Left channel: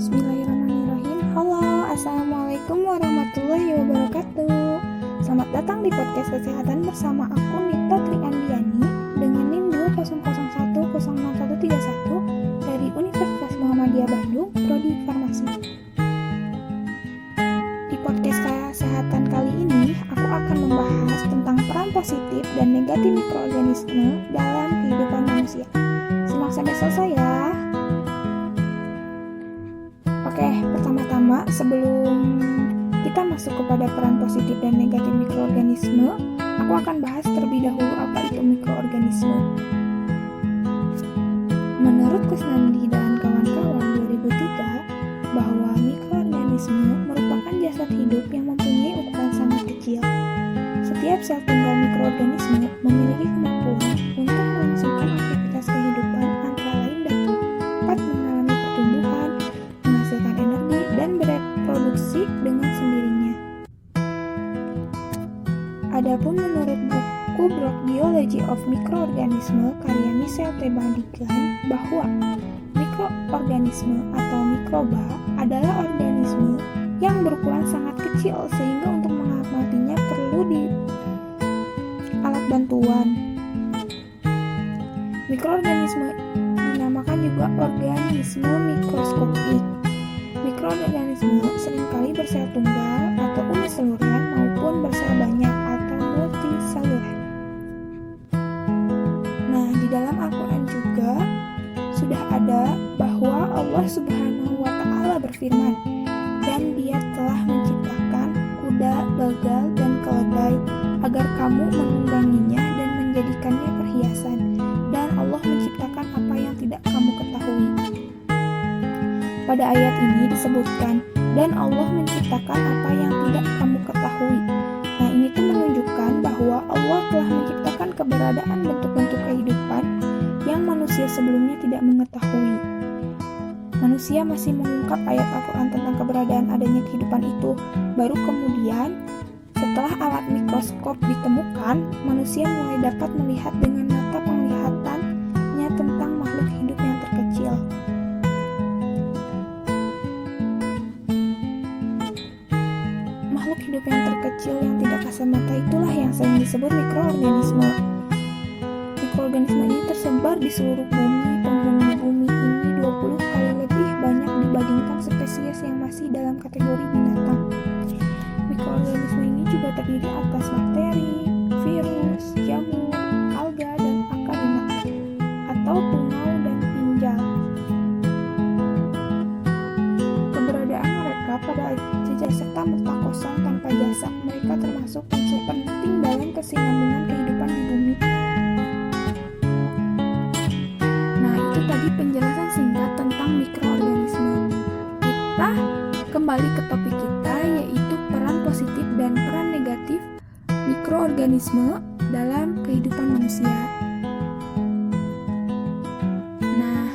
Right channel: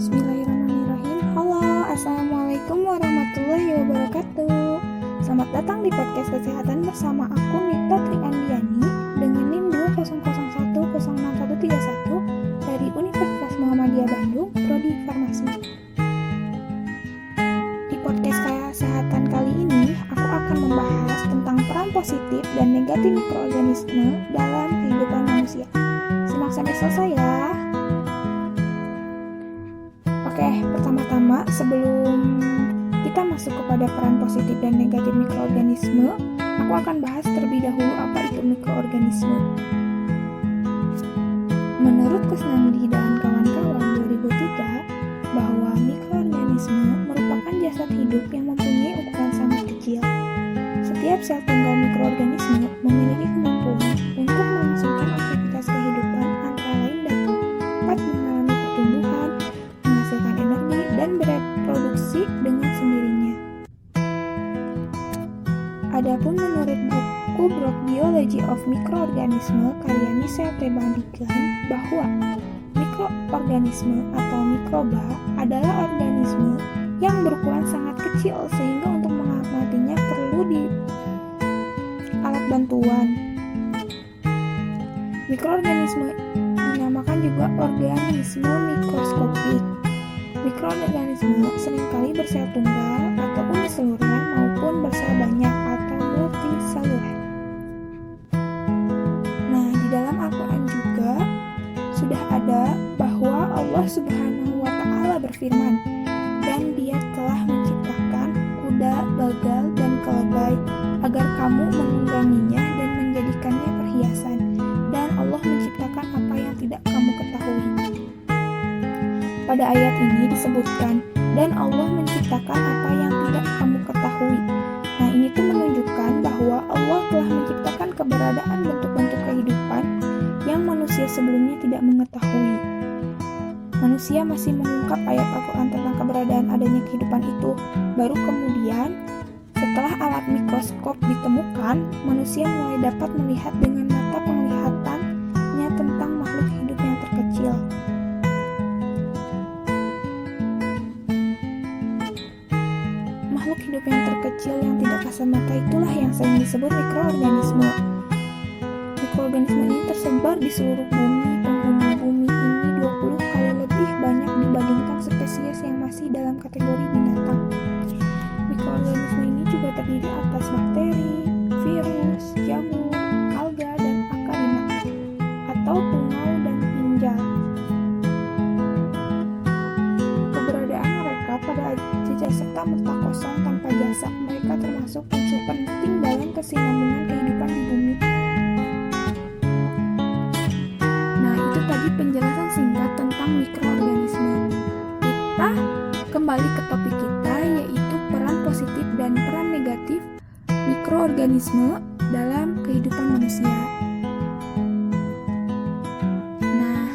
Bismillahirrahmanirrahim. Halo, assalamualaikum warahmatullahi wabarakatuh. Selamat datang di podcast kesehatan bersama aku Nita Triandiani dengan NIM 200106131 dari Universitas Muhammadiyah Bandung, Prodi Farmasi. Di podcast kesehatan kali ini, aku akan membahas tentang peran positif dan negatif mikroorganisme dalam kehidupan manusia. Simak sampai selesai ya. Oke, pertama-tama sebelum kita masuk kepada peran positif dan negatif mikroorganisme, aku akan bahas terlebih dahulu apa itu mikroorganisme. Menurut Kusnandi dan kawan-kawan 2003, bahwa mikroorganisme merupakan jasad hidup yang mempunyai ukuran sangat kecil. Setiap sel tunggal mikroorganisme memiliki kemampuan untuk melangsungkan aktivitas kehidupan, antara lain dapat mengalami pertumbuhan, menghasilkan energi, dan bereproduksi dengan sendirinya. Adapun menurut buku Brock Biology of Microorganism karya Michel T. Bandigan, bahwa mikroorganisme atau mikroba adalah organisme yang berukuran sangat kecil sehingga untuk mengamatinya perlu alat bantuan. Mikroorganisme dinamakan juga organisme mikroskopik. Mikroorganisme seringkali bersel tunggal atau uniseluler maupun bersel banyak atau multiseluler. Nah, di dalam Al-Quran juga sudah ada bahwa Allah Subhanahu wa Ta'ala berfirman, "Dan Dia telah menciptakan kuda, bagal, dan keledai agar kamu menungganginya dan menjadikannya perhiasan. Dan Allah menciptakan apa yang tidak kamu ketahui." Pada ayat ini disebutkan, dan Allah menciptakan apa yang tidak kamu ketahui. Nah, ini tuh menunjukkan bahwa Allah telah menciptakan keberadaan bentuk-bentuk kehidupan yang manusia sebelumnya tidak mengetahui. Manusia masih mengungkap ayat Al-Quran tentang keberadaan adanya kehidupan itu. Baru kemudian, setelah alat mikroskop ditemukan, manusia mulai dapat melihat dengan mata penglihatannya tentang makhluk hidup yang terkecil. Makhluk hidup yang terkecil yang tidak kasat mata itulah yang sering disebut mikroorganisme. Mikroorganisme ini tersebar di seluruh bumi. Penghuni bumi ini 20 kali lebih banyak dibandingkan spesies yang masih dalam kategori binatang. Mikroorganisme ini juga terdiri atas bakteri, virus, jamur, alga, dan akarina, atau tungau dan pinjal. Keberadaan mereka pada jejak serta-merta kosong tanpa jasa. Mereka termasuk unsur penting dalam kesinambungan kehidupan di bumi. Nah, itu tadi penjelasan singkat tentang mikroorganisme. Kita kembali ke topik kita, yaitu peran positif dan peran negatif mikroorganisme dalam kehidupan manusia. Nah,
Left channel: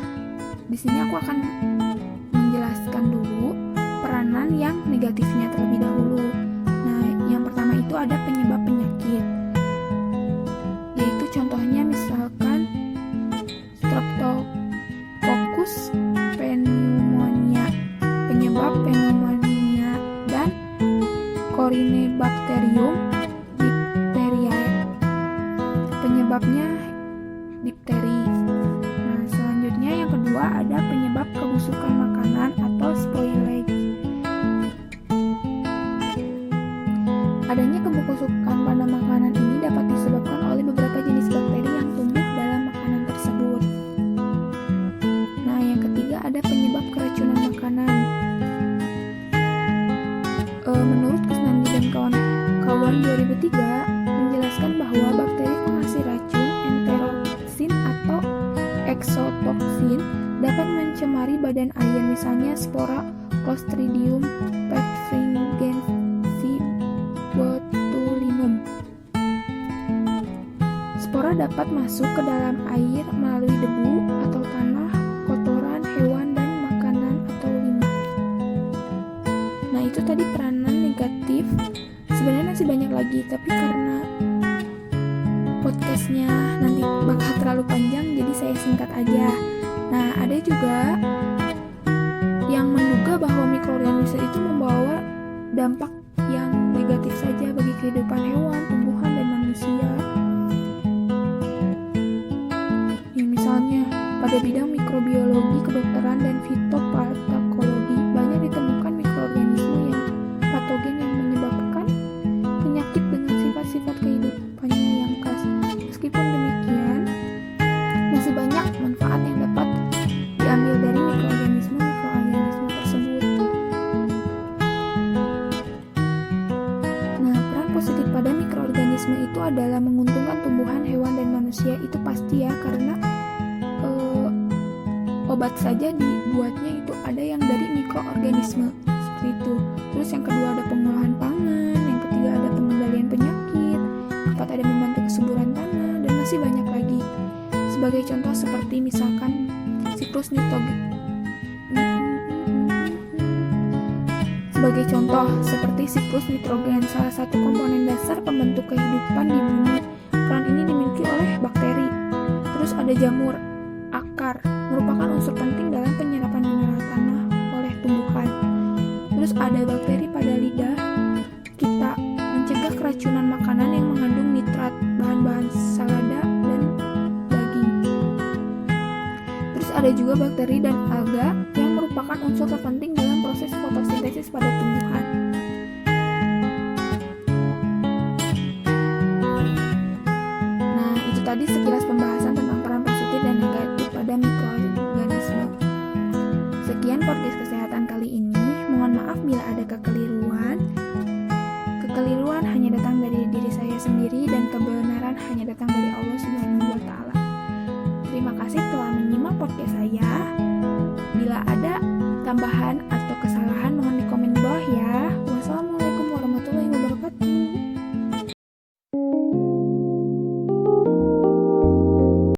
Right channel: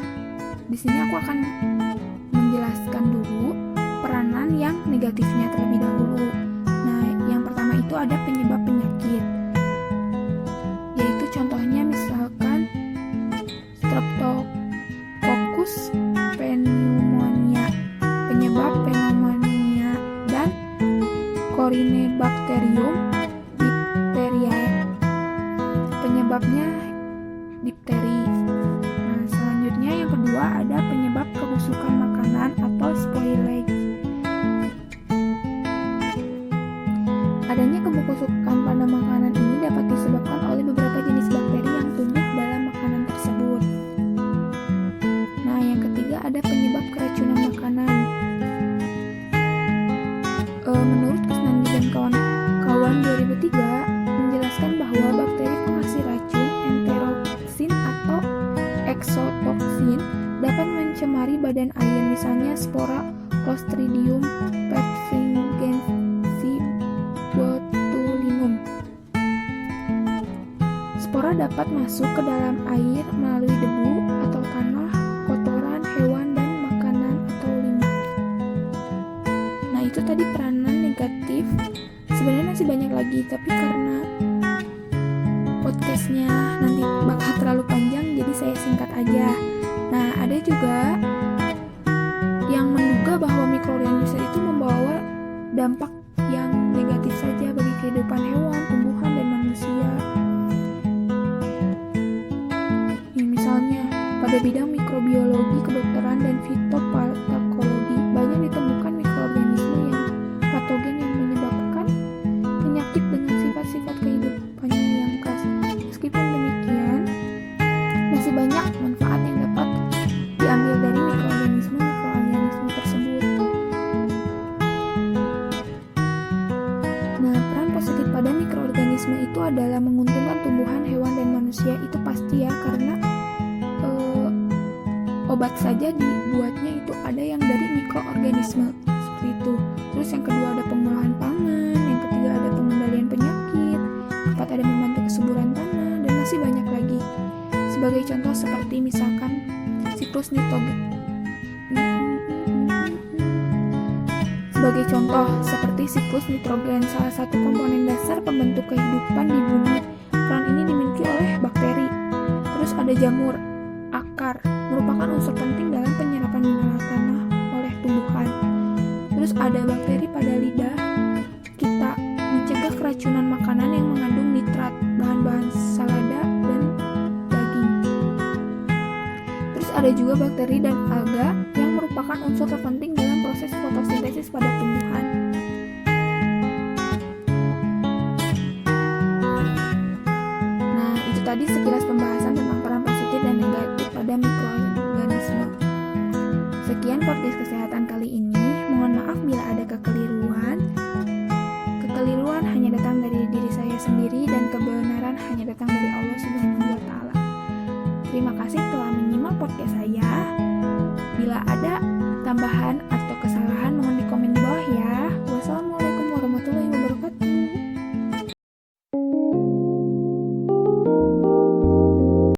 di sini aku akan menjelaskan dulu peranan yang negatifnya terlebih dahulu. Nah, yang pertama itu ada penyebab penyakit, yaitu contohnya misalkan Streptococcus pneumonia, penyebab pneumonia, dan Corynebacterium diphtheriae, penyebabnya difteri. Nah, selanjutnya yang kedua ada penyebab kebusukan makanan atau spoilage. Adanya kebusukan pada makanan ini dapat disebabkan oleh beberapa jenis bakteri yang tumbuh dalam makanan tersebut. Nah, yang ketiga ada penyebab keracunan makanan. Menurut Kusnandi dan kawan-kawan 2003 menjelaskan bahwa bakteri penghasil racun, enteroksin atau exotoksin, dapat mencemari badan air, misalnya spora Clostridium perfringensis botulinum. Spora dapat masuk ke dalam air melalui debu atau tanah, kotoran hewan, dan makanan atau limbah. Nah, itu tadi peranan negatif. Sebenarnya masih banyak lagi, tapi karena podcastnya nanti bakal terlalu panjang, jadi saya singkat aja. Nah, ada juga yang menduga bahwa mikroorganisme itu membawa dampak yang negatif saja bagi kehidupan hewan, tumbuhan, dan manusia. Ya, misalnya, pada bidang mikrobiologi, kedokteran, dan fitopatokologi, banyak ditemukan mikroorganisme yang patogen yang menyebabkan penyakit dengan sifat-sifat kehidupannya yang khas. Meskipun demikian, masih banyak manfaat yang dapat diambil dari mikroorganisme tersebut. Nah, peran positif pada mikroorganisme itu adalah menguntungkan tumbuhan, hewan, dan manusia. Itu pasti ya, karena obat saja dibuatnya itu ada yang dari mikroorganisme, seperti itu. Terus yang kedua ada pengolahan pangan, yang ketiga ada pengendalian penyakit, keempat ada membantu kesuburan tanah, dan masih banyak lagi. Sebagai contoh seperti misalkan siklus nitrogen. Sebagai contoh seperti siklus nitrogen, salah satu komponen dasar pembentuk kehidupan di bumi. Peran ini dimiliki oleh bakteri. Terus ada jamur akar, merupakan unsur penting dalam penyerapan mineral tanah oleh tumbuhan. Terus ada bakteri pada lidah kita, mencegah keracunan makanan yang mengandung nitrat, bahan-bahan salada, dan daging. Terus ada juga bakteri dan alga yang merupakan unsur terpenting dalam proses fotosintesis pada tumbuhan. Nah, itu tadi sekilas pembahasan tentang peran positif dan negatif pada mikroorganisme. Sekian podcast kesehatan kali ini. Mohon maaf bila ada kekeliruan. Kekeliruan hanya datang dari diri saya sendiri dan kebenaran hanya datang dari Allah Subhanahu wa Ta'ala. Terima kasih telah menyimak podcast saya. Bila ada tambahan atau kesalahan mohon dikomen di bawah ya. Wassalamualaikum warahmatullahi wabarakatuh.